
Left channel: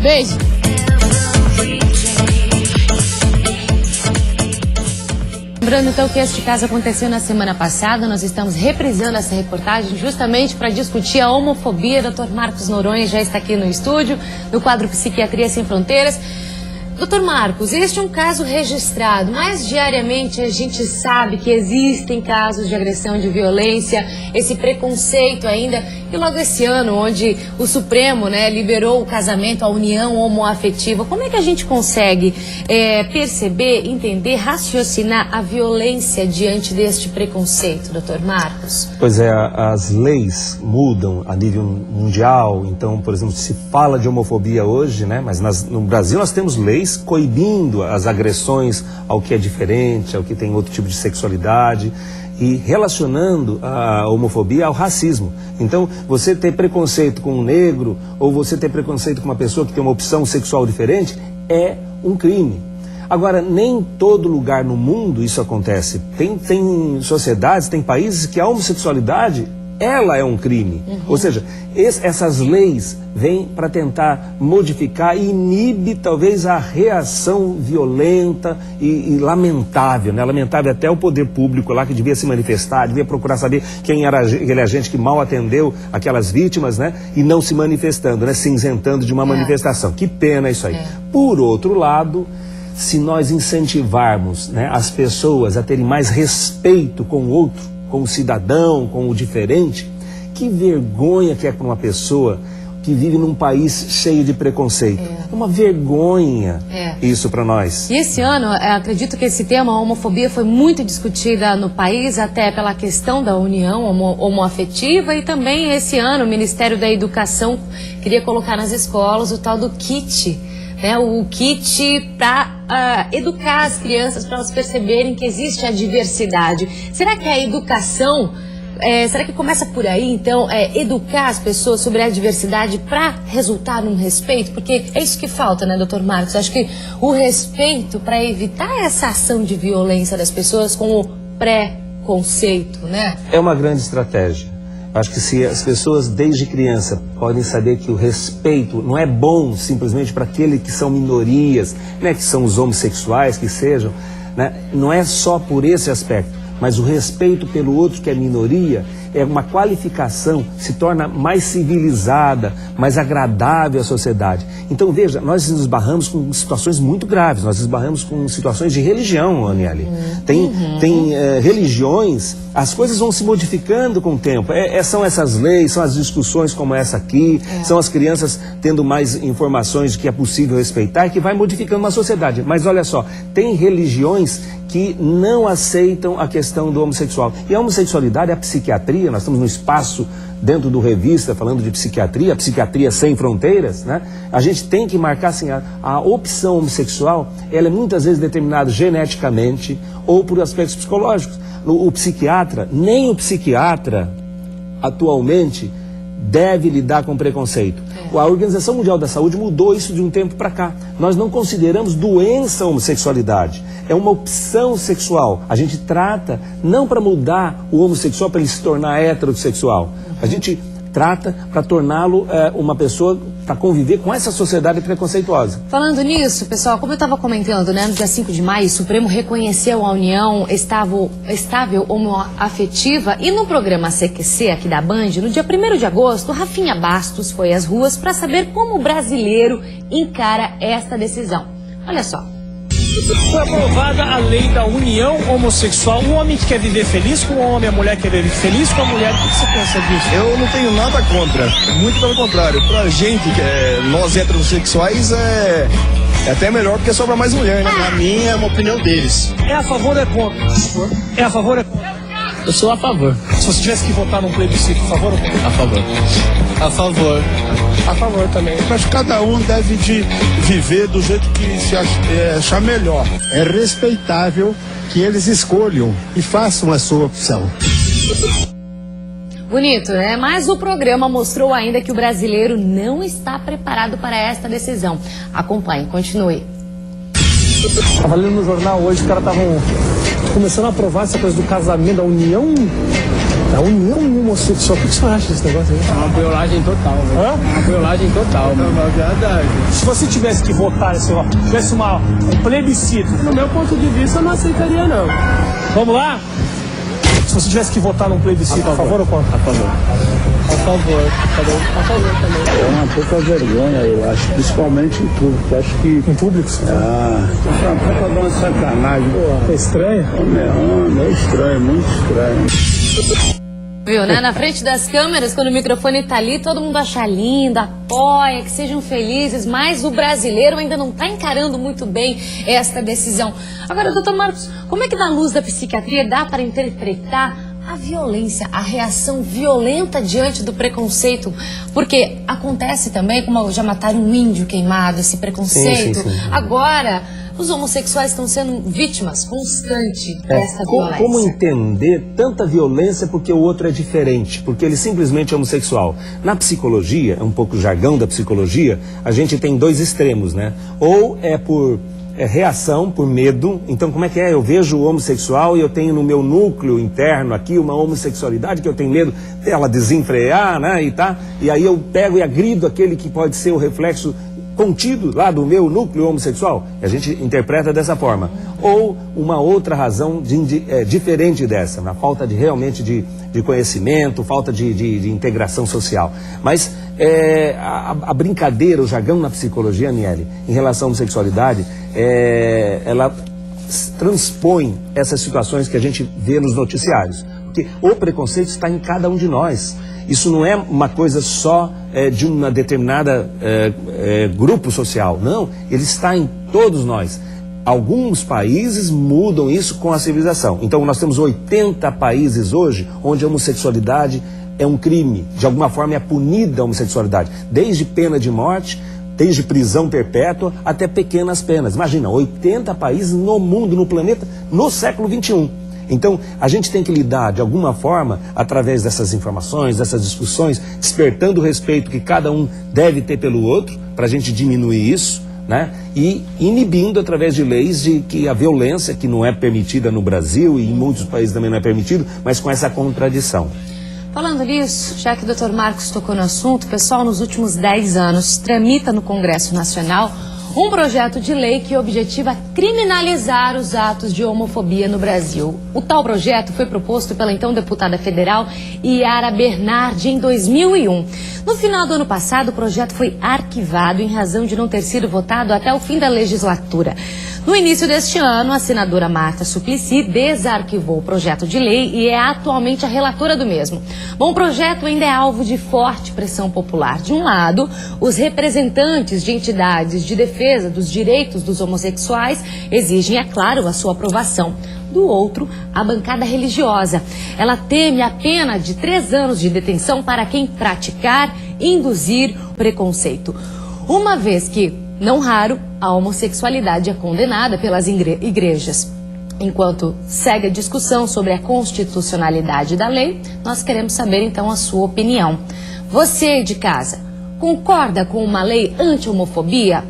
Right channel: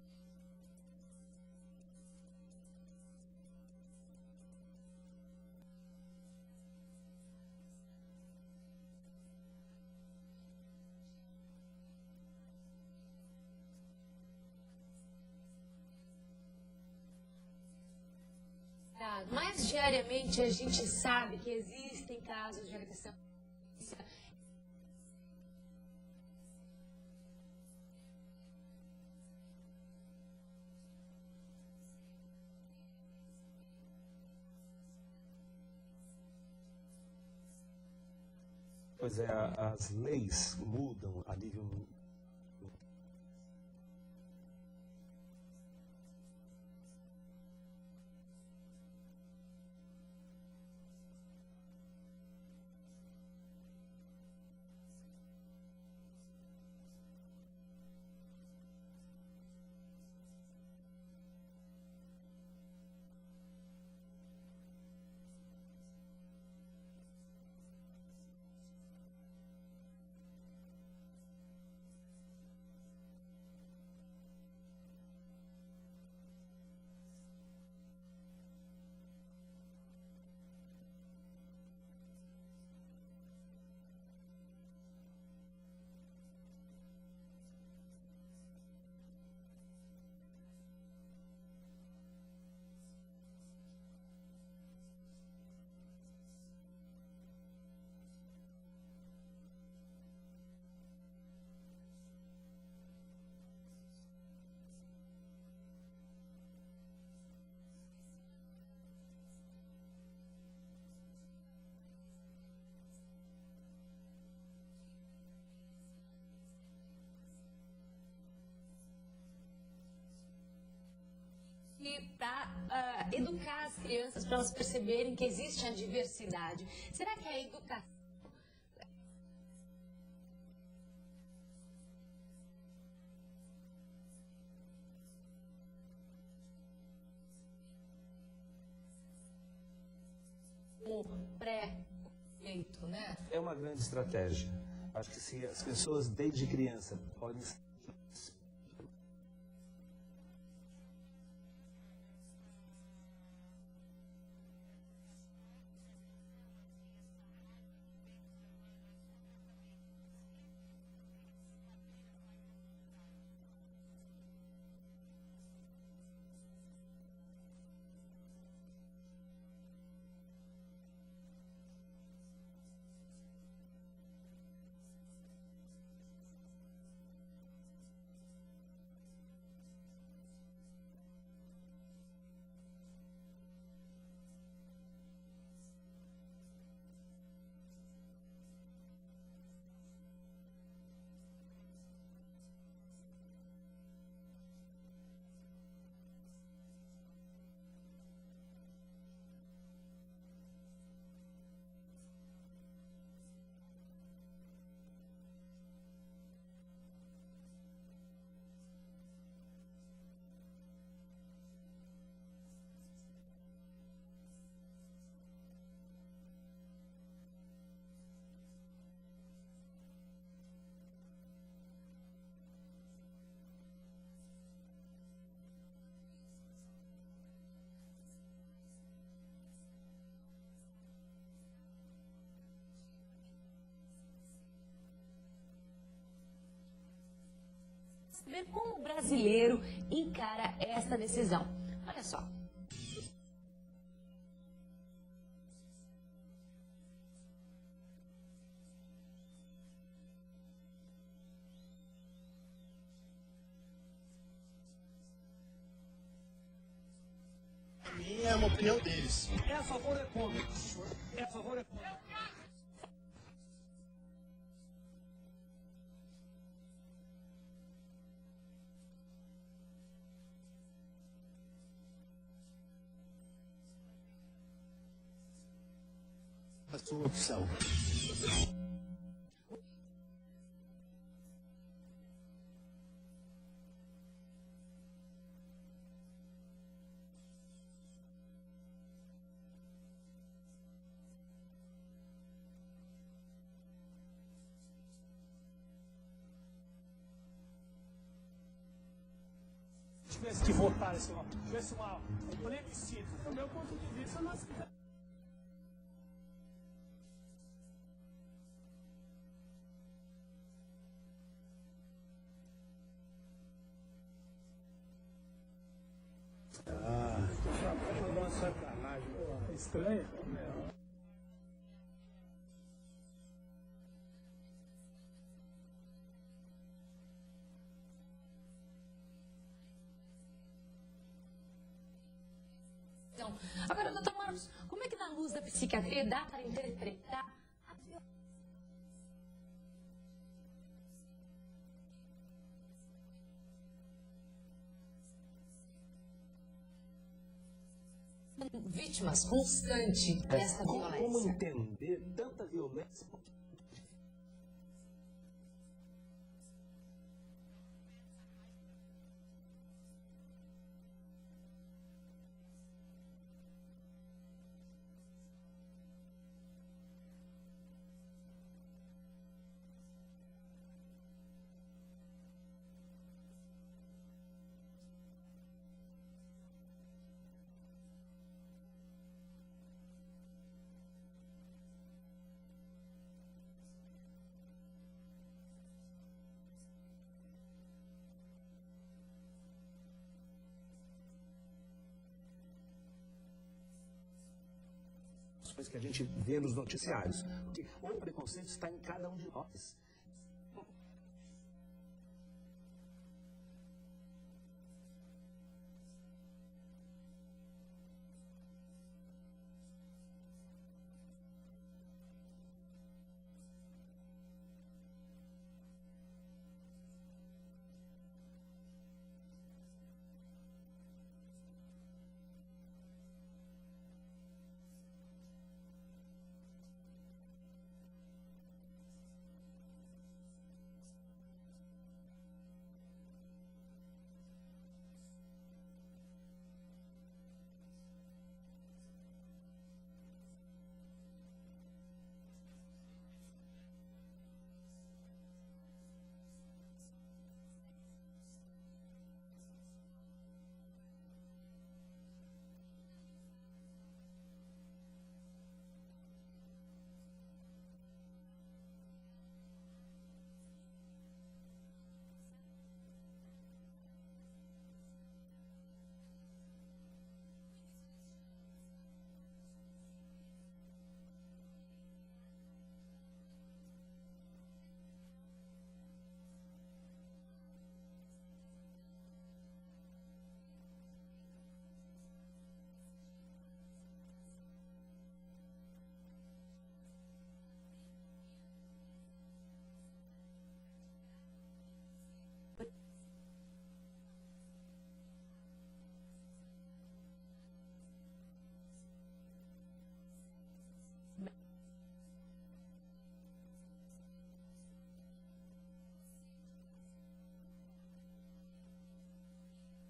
Beijo! Lembrando então que este caso aconteceu na semana passada, nós estamos reprisando essa reportagem justamente para discutir a homofobia. Dr. Marcos Noronha já está aqui no estúdio, no quadro Psiquiatria Sem Fronteiras. Doutor Marcos, este é um caso registrado, mas diariamente a gente sabe que existem casos de agressão, de violência, esse preconceito ainda. E logo esse ano, onde o Supremo, né, liberou o casamento, a união homoafetiva, como é que a gente consegue perceber, entender, raciocinar a violência diante deste preconceito, doutor Marcos? Pois é, as leis mudam a nível mundial. Então, por exemplo, se fala de homofobia hoje, né, mas no Brasil nós temos leis coibindo as agressões ao que é diferente, ao que tem outro tipo de sexualidade e relacionando a homofobia ao racismo. Então, você ter preconceito com um negro ou você ter preconceito com uma pessoa que tem uma opção sexual diferente é um crime. Agora, nem em todo lugar no mundo isso acontece. Tem sociedades, tem países que a homossexualidade, ela é um crime. Ou seja, essas leis vêm para tentar modificar e inibe talvez a reação violenta e lamentável, né? Lamentável até o poder público lá que devia se manifestar, devia procurar saber quem era aquele agente que mal atendeu aquelas vítimas, né? E não se manifestando, né? Se isentando de uma manifestação. Que pena isso aí. Por outro lado, se nós incentivarmos, né, as pessoas a terem mais respeito com o outro, com o cidadão, com o diferente, que vergonha que é para uma pessoa que vive num país cheio de preconceito. É uma vergonha isso para nós. E esse ano, acredito que esse tema, a homofobia, foi muito discutida no país, até pela questão da união homoafetiva, e também esse ano o Ministério da Educação queria colocar nas escolas o tal do kit, né? O kit para educar as crianças, para elas perceberem que existe a diversidade. Será que a educação... será que começa por aí, então, educar as pessoas sobre a diversidade para resultar num respeito? Porque é isso que falta, né, doutor Marcos? Acho que o respeito para evitar essa ação de violência das pessoas com o preconceito, né? É uma grande estratégia. Acho que se as pessoas, desde criança, podem saber que o respeito não é bom simplesmente para aqueles que são minorias, né, que são os homossexuais, que sejam, né, não é só por esse aspecto. Mas o respeito pelo outro que é minoria é uma qualificação, se torna mais civilizada, mais agradável à sociedade. Então, veja, nós nos esbarramos com situações muito graves, nós esbarramos com situações de religião, Aniele. Tem religiões, as coisas vão se modificando com o tempo. São essas leis, são as discussões como essa aqui, são as crianças tendo mais informações de que é possível respeitar, que vai modificando uma sociedade. Mas olha só, tem religiões que não aceitam a questão do homossexual. E a homossexualidade, a psiquiatria, nós estamos no espaço dentro do Revista falando de psiquiatria, Psiquiatria Sem Fronteiras, né? A gente tem que marcar assim, a opção homossexual, ela é muitas vezes determinada geneticamente ou por aspectos psicológicos. O psiquiatra, nem o psiquiatra atualmente deve lidar com preconceito. A Organização Mundial da Saúde mudou isso de um tempo para cá. Nós não consideramos doença a homossexualidade. É uma opção sexual. A gente trata não para mudar o homossexual para ele se tornar heterossexual. A gente trata para torná-lo uma pessoa para conviver com essa sociedade preconceituosa. Falando nisso, pessoal, como eu estava comentando, né, no dia 5 de maio, o Supremo reconheceu a união estável homoafetiva, e no programa CQC aqui da Band, no dia 1º de agosto, Rafinha Bastos foi às ruas para saber como o brasileiro encara esta decisão. Olha só. Foi aprovada a lei da união homossexual. Um homem que quer viver feliz com um homem, a mulher que quer viver feliz com a mulher. O que você pensa disso? Eu não tenho nada contra. Muito pelo contrário. Pra gente, nós heterossexuais, é até melhor porque sobra mais mulher, né? A minha é uma opinião deles. É a favor ou é contra? É a favor ou é contra? Eu sou a favor. Se você tivesse que votar num plebiscito, a favor ou contra? A favor. A favor. A favor também. Mas cada um deve viver do jeito que se achar melhor. É respeitável que eles escolham e façam a sua opção. Bonito, né? Mas o programa mostrou ainda que o brasileiro não está preparado para esta decisão. Acompanhe, continue. Estava lendo no jornal hoje, os caras estavam começando a aprovar essa coisa do casamento, da união homossexual. O que você acha desse negócio aí? É uma violagem total, velho. Hã? Uma violagem total, velho. É verdade. Se você tivesse que votar, tivesse um plebiscito, do meu ponto de vista, eu não aceitaria, não. Vamos lá? Se você tivesse que votar num plebiscito, a favor ou contra? A favor. A favor. A favor também. É uma pouca vergonha, eu acho, principalmente em público. Acho que. Em público? Pra dar uma sacanagem. É estranho? É estranho, muito estranho. Viu, né? Na frente das câmeras, quando o microfone tá ali, todo mundo acha lindo, apoia, que sejam felizes, mas o brasileiro ainda não tá encarando muito bem esta decisão. Agora, doutor Marcos, como é que na luz da psiquiatria dá para interpretar a violência, a reação violenta diante do preconceito? Porque acontece também, como já mataram um índio queimado, esse preconceito. Sim. Agora, os homossexuais estão sendo vítimas constantes dessa violência. Como entender tanta violência porque o outro é diferente, porque ele simplesmente é homossexual? Na psicologia, é um pouco o jargão da psicologia, a gente tem dois extremos, né? Ou é por reação, por medo. Então, como é que é? Eu vejo o homossexual e eu tenho no meu núcleo interno aqui uma homossexualidade que eu tenho medo dela desenfrear, né? E aí eu pego e agrido aquele que pode ser o reflexo contido lá do meu núcleo homossexual. A gente interpreta dessa forma. Ou uma outra razão diferente dessa, na falta realmente de conhecimento, falta de integração social. Mas a brincadeira, o jargão na psicologia, Aniele, em relação à homossexualidade, ela transpõe essas situações que a gente vê nos noticiários. Porque o preconceito está em cada um de nós. Isso não é uma coisa só de uma determinada grupo social. Não, ele está em todos nós. Alguns países mudam isso com a civilização. Então nós temos 80 países hoje onde a homossexualidade é um crime. De alguma forma é punida a homossexualidade. Desde pena de morte, desde prisão perpétua até pequenas penas. Imagina, 80 países no mundo, no planeta, no século XXI. Então, a gente tem que lidar, de alguma forma, através dessas informações, dessas discussões, despertando o respeito que cada um deve ter pelo outro, para a gente diminuir isso, né? E inibindo, através de leis, de que a violência, que não é permitida no Brasil e em muitos países também não é permitido, mas com essa contradição. Falando nisso, já que o Dr. Marcos tocou no assunto, pessoal, nos últimos 10 anos, tramita no Congresso Nacional um projeto de lei que objetiva criminalizar os atos de homofobia no Brasil. O tal projeto foi proposto pela então deputada federal Yara Bernardi em 2001. No final do ano passado, o projeto foi arquivado em razão de não ter sido votado até o fim da legislatura. No início deste ano, a senadora Marta Suplicy desarquivou o projeto de lei e é atualmente a relatora do mesmo. Bom, o projeto ainda é alvo de forte pressão popular. De um lado, os representantes de entidades de defesa dos direitos dos homossexuais exigem, é claro, a sua aprovação. Do outro, a bancada religiosa. Ela teme a pena de 3 anos de detenção para quem praticar e induzir preconceito. Uma vez que, não raro, a homossexualidade é condenada pelas igrejas. Enquanto segue a discussão sobre a constitucionalidade da lei, nós queremos saber então a sua opinião. Você de casa, concorda com uma lei anti-homofobia?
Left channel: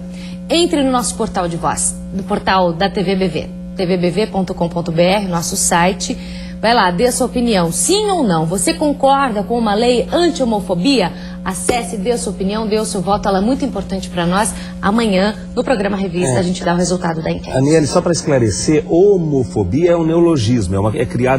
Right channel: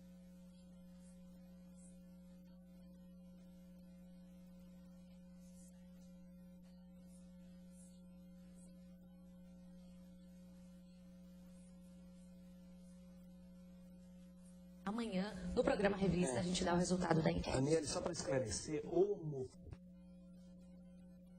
Entre no nosso portal de voz, do portal da TVBV, tvbv.com.br, nosso site. Vai lá, dê a sua opinião, sim ou não. Você concorda com uma lei anti-homofobia? Acesse, dê a sua opinião, dê o seu voto, ela é muito importante para nós. Amanhã, no programa Revista, a gente dá o resultado da enquete. Aniele, só para esclarecer, homofobia é um neologismo,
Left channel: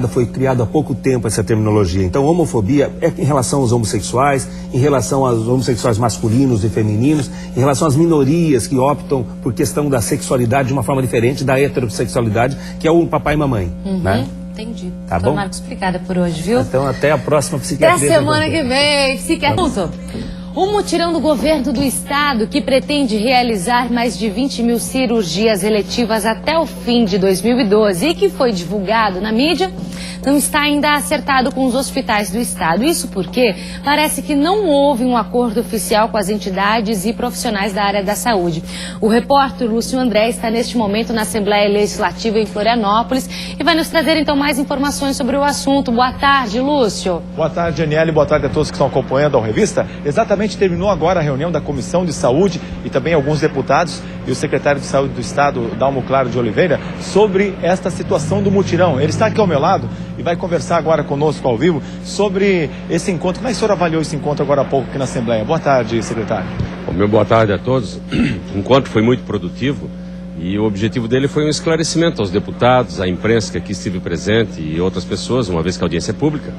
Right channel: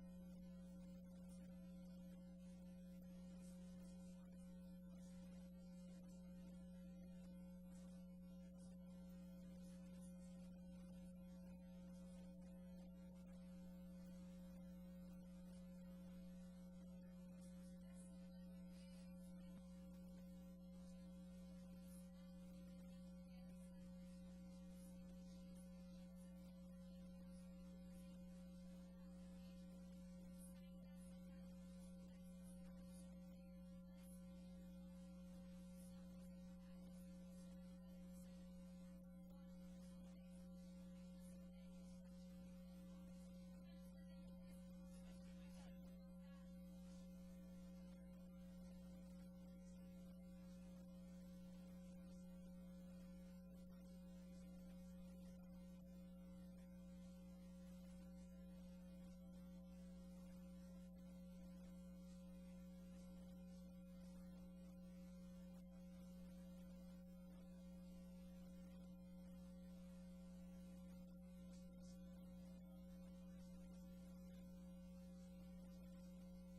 foi criado há pouco tempo essa terminologia. Então, homofobia é em relação aos homossexuais, em relação aos homossexuais masculinos e femininos, em relação às minorias que optam por questão da sexualidade de uma forma diferente da heterossexualidade, que é o papai e mamãe, né? Entendi. Tá Doutor bom? Marcos, obrigada por hoje, viu? Então, até a próxima psiquiatria. Até semana que vem, psiquiatra. Um mutirão do governo do estado que pretende realizar mais de 20 mil cirurgias eletivas até o fim de 2012 e que foi divulgado na mídia, não está ainda acertado com os hospitais do estado. Isso porque parece que não houve um acordo oficial com as entidades e profissionais da área da saúde. O repórter Lúcio André está neste momento na Assembleia Legislativa em Florianópolis e vai nos trazer então mais informações sobre o assunto. Boa tarde, Lúcio. Boa tarde, Aniele. Boa tarde a todos que estão acompanhando a revista. Exatamente, terminou agora a reunião da Comissão de Saúde e também alguns deputados e o secretário de Saúde do Estado, Dalmo Claro de Oliveira, sobre esta situação do mutirão. Ele está aqui ao meu lado e vai conversar agora conosco ao vivo sobre esse encontro. Como é que o senhor avaliou esse encontro agora há pouco aqui na Assembleia? Boa tarde, secretário. Bom, meu boa tarde a todos. O encontro foi muito produtivo. E o objetivo dele foi um esclarecimento aos deputados, à imprensa que aqui esteve presente e outras pessoas, uma vez que a audiência é pública,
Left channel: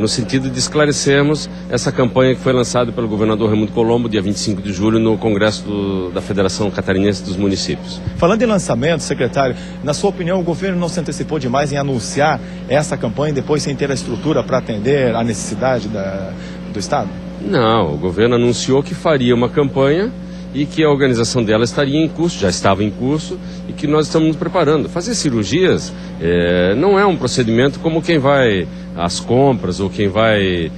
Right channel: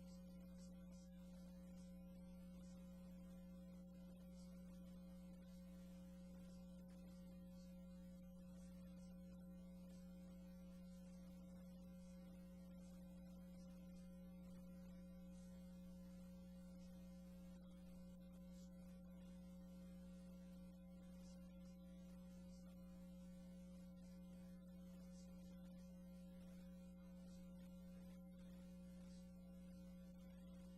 no sentido de esclarecermos essa campanha que foi lançada pelo governador Raimundo Colombo, dia 25 de julho, no Congresso da Federação Catarinense dos Municípios. Falando em lançamento, secretário, na sua opinião, o governo não se antecipou demais em anunciar essa campanha e depois sem ter a estrutura para atender à necessidade do Estado? Não, o governo anunciou que faria uma campanha e que a organização dela estaria em curso, já estava em curso, e que nós estamos nos preparando. Fazer cirurgias não é um procedimento como quem vai às compras ou quem vai,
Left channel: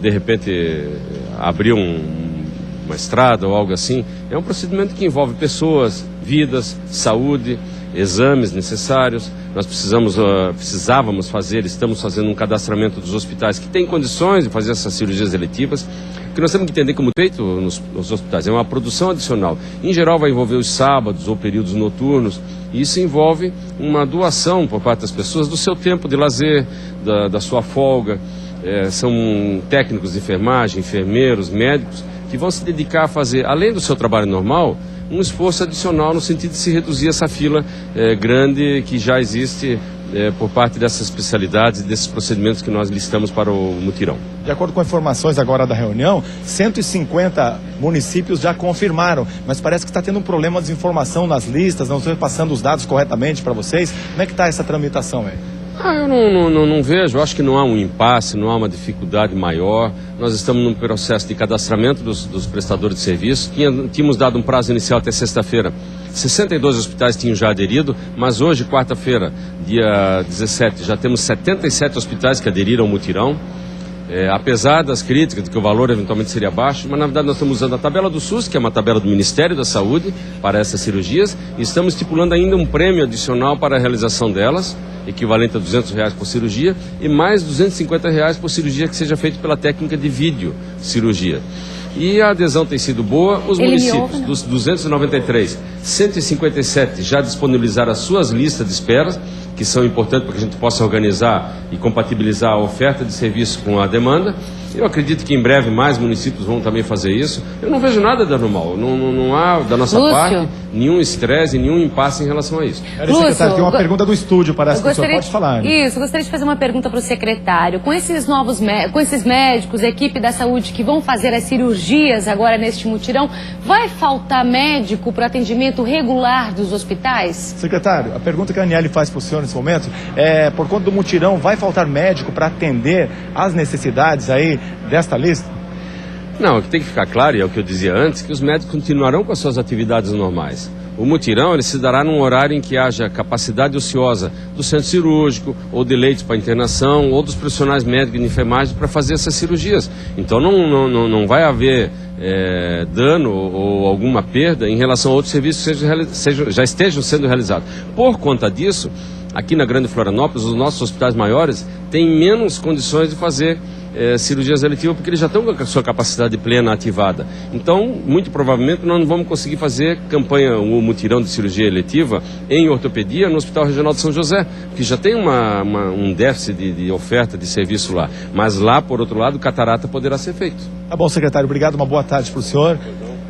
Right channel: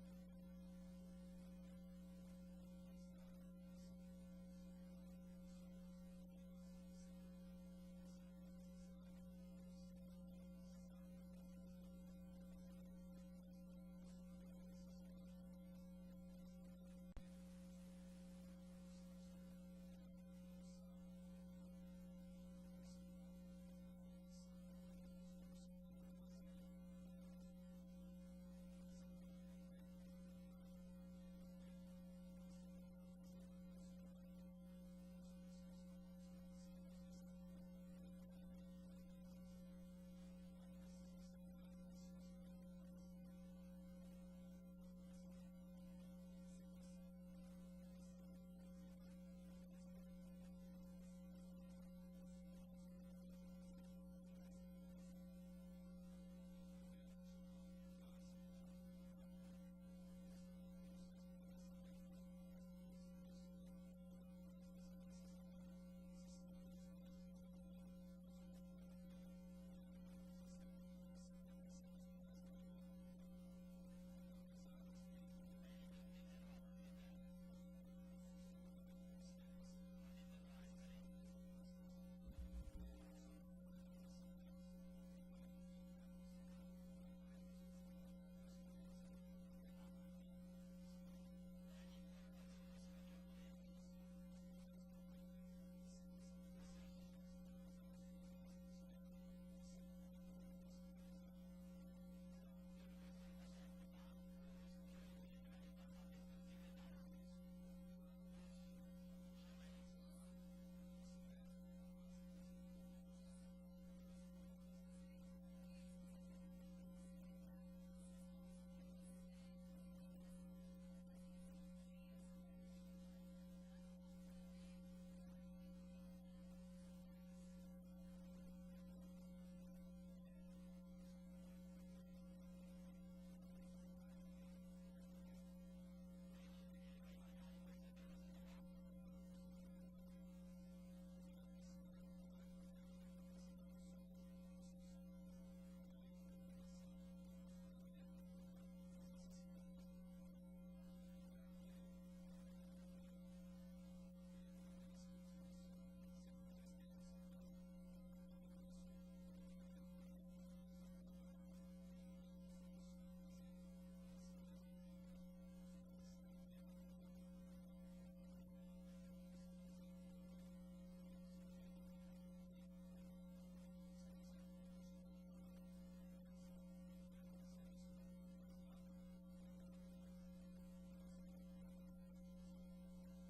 de repente, abrir uma estrada ou algo assim. É um procedimento que envolve pessoas, vidas, saúde, exames necessários. Nós precisávamos fazer, estamos fazendo um cadastramento dos hospitais que têm condições de fazer essas cirurgias eletivas. O que nós temos que entender como feito nos hospitais é uma produção adicional. Em geral vai envolver os sábados ou períodos noturnos, e isso envolve uma doação por parte das pessoas do seu tempo de lazer, da sua folga. São técnicos de enfermagem, enfermeiros, médicos, que vão se dedicar a fazer, além do seu trabalho normal, um esforço adicional no sentido de se reduzir essa fila grande que já existe por parte dessas especialidades e desses procedimentos que nós listamos para o mutirão. De acordo com informações agora da reunião, 150 municípios já confirmaram, mas parece que está tendo um problema de desinformação nas listas, não estão passando os dados corretamente para vocês. Como é que está essa tramitação aí? Eu não vejo, acho que não há um impasse, não há uma dificuldade maior. Nós estamos num processo de cadastramento dos prestadores de serviço. Tínhamos dado um prazo inicial até sexta-feira. 62 hospitais tinham já aderido, mas hoje, quarta-feira, dia 17, já temos 77 hospitais que aderiram ao mutirão. Apesar das críticas de que o valor eventualmente seria baixo, mas na verdade nós estamos usando a tabela do SUS, que é uma tabela do Ministério da Saúde, para essas cirurgias, e estamos estipulando ainda um prêmio adicional para a realização delas, equivalente a R$200 por cirurgia, e mais R$250 por cirurgia que seja feita pela técnica de vídeo cirurgia. E a adesão tem sido boa. Os municípios, dos 293, 157 já disponibilizaram as suas listas de espera, que são importantes para que a gente possa organizar e compatibilizar a oferta de serviço com a demanda. Eu acredito que em breve mais municípios vão também fazer isso. Eu não vejo nada de anormal. Não há, da nossa parte, nenhum estresse, nenhum impasse em relação a isso. Secretário, tem uma pergunta do estúdio para essa pessoa. Pode falar. Né? Isso, eu gostaria de fazer uma pergunta para o secretário. Com esses com esses médicos, equipe da saúde que vão fazer as cirurgias agora neste mutirão, vai faltar médico para atendimento regular dos hospitais? Secretário, a pergunta que a Aniele faz para o senhor nesse momento é, por conta do mutirão, vai faltar médico para atender às necessidades aí desta lista? Não, o que tem que ficar claro, e é o que eu dizia antes, que os médicos continuarão com as suas atividades normais. O mutirão ele se dará num horário em que haja capacidade ociosa do centro cirúrgico, ou de leitos para internação, ou dos profissionais médicos de enfermagem para fazer essas cirurgias. Então não vai haver dano ou alguma perda em relação a outros serviços que já estejam sendo realizados. Por conta disso, aqui na Grande Florianópolis, os nossos hospitais maiores têm menos condições de fazer cirurgias eletivas, porque eles já estão com a sua capacidade plena ativada. Então, muito provavelmente, nós não vamos conseguir fazer campanha, um mutirão de cirurgia eletiva em ortopedia no Hospital Regional de São José, que já tem um déficit de oferta de serviço lá. Mas lá, por outro lado, catarata poderá ser feito. Tá bom, secretário. Obrigado, uma boa tarde para o senhor.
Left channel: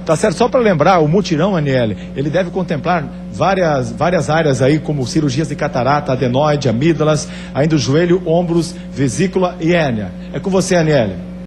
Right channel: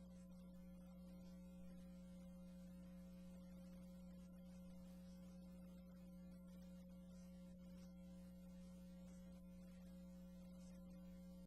Tá certo, só para lembrar, o mutirão, Aniele, ele deve contemplar várias áreas aí, como cirurgias de catarata, adenoide, amígdalas, ainda o joelho, ombros, vesícula e hérnia. É com você, Aniele.